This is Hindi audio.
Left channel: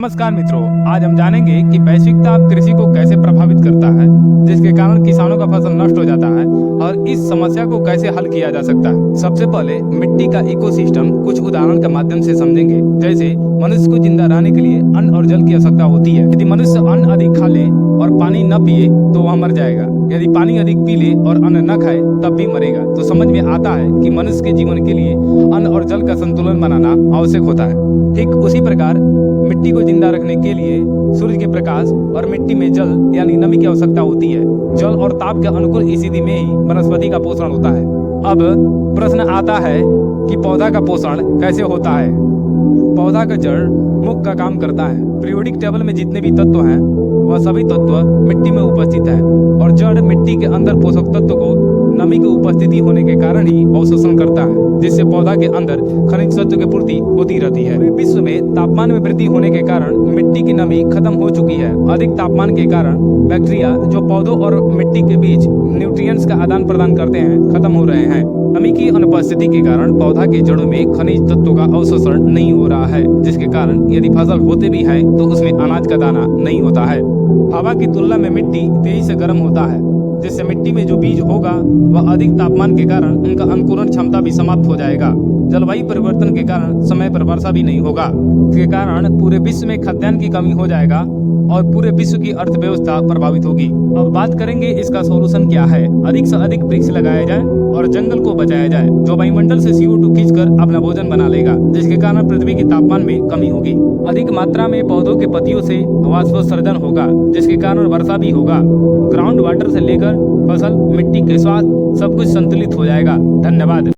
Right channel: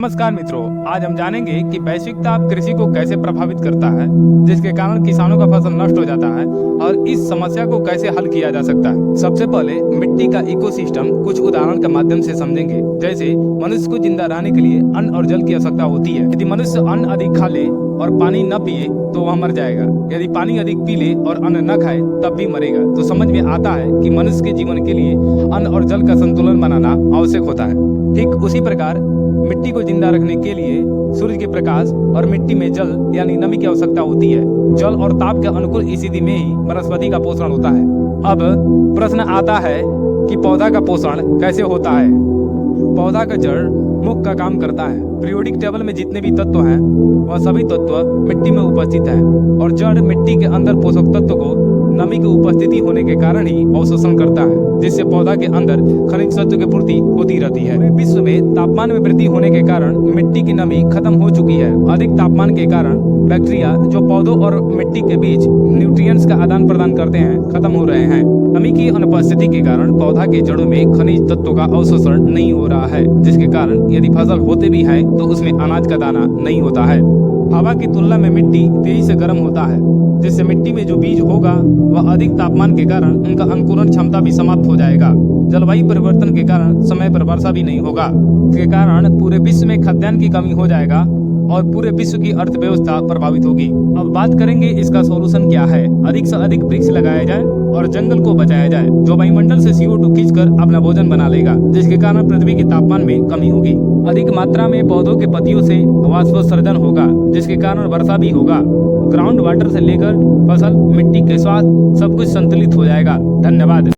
नमस्कार मित्रों, आज हम जानेंगे कि वैश्विक ताप कृषि को कैसे प्रभावित करता है, जिसके कारण किसानों का फसल नष्ट हो जाता है और इस समस्या को कैसे हल किया जा सकता है। सबसे पहले मिट्टी का इकोसिस्टम कुछ उदाहरण के माध्यम से समझेंगे। जैसे मनुष्य को जिंदा रहने के लिए अन्न और जल की आवश्यकता होती है। यदि मनुष्य अन्न अधिक खा ले और पानी न पिए तो वह मर जाएगा। यदि पानी अधिक पी ले और अन्न न खाए तब भी मरेगा। तो समझ में आता है कि मनुष्य के जीवन के लिए अन्न और जल का संतुलन बनाना आवश्यक होता है। ठीक उसी प्रकार मिट्टी को जिंदा रखने के लिए सूर्य के प्रकाश और मिट्टी में जल यानी नमी की आवश्यकता होती है। जल और ताप के अनुकूल स्थिति में ही वनस्पति का पोषण होता है। अब प्रश्न आता है कि पौधा का पोषण कैसे होता है। पौधा का जड़ मुख्य का काम करता है। पीरियोडिक टेबल में जितने भी तत्व हैं वह सभी तत्व मिट्टी में उपस्थित हैं और जड़ मिट्टी के अंदर पोषक तत्व को नमी की उपस्थिति होने के कारण ही अवशोषण करता है, जिससे पौधा के अंदर खनिज तत्व की पूर्ति होती रहती है। विश्व में तापमान में वृद्धि होने के कारण मिट्टी की नमी खत्म हो चुकी है। अधिक तापमान के कारण बैक्टीरिया जो पौधों और मिट्टी के बीच न्यूट्रिएंट्स का आदान प्रदान करते हैं खत्म हो रहे हैं। नमी की अनुपस्थिति के कारण पौधा के जड़ों में खनिज तत्वों का अवशोषण नहीं हो रहा है, जिसके कारण यदि फसल होते भी है तो उसमें अनाज का दाना नहीं होता है। हवा की तुलना में मिट्टी तेजी से गर्म होता है, जिससे मिट्टी में जो बीज होगा वह अधिक तापमान के कारण उनका अंकुरण क्षमता भी समाप्त हो जाएगा। जलवायु परिवर्तन के कारण समय पर वर्षा भी नहीं होगा। इसके कारण पूरे विश्व में खाद्यान्न की कमी हो जाएगा और पूरे विश्व की अर्थव्यवस्था प्रभावित होगी। अब बात करेंगे इसका सोल्यूशन क्या है। अधिक से अधिक वृक्ष लगाया जाए और जंगल को बचाया जाए, जो वायुमंडल से CO2 खींचकर अपना भोजन बना लेगा, जिसके कारण पृथ्वी के तापमान में कमी होगी। अधिक मात्रा में पौधों के पत्तियों से वाष्पोत्सर्जन होगा, जिसके कारण वर्षा भी होगा। ग्राउंड वाटर से लेकर फसल, मिट्टी के स्वास्थ्य सब कुछ संतुलित हो जाएगा। धन्यवाद।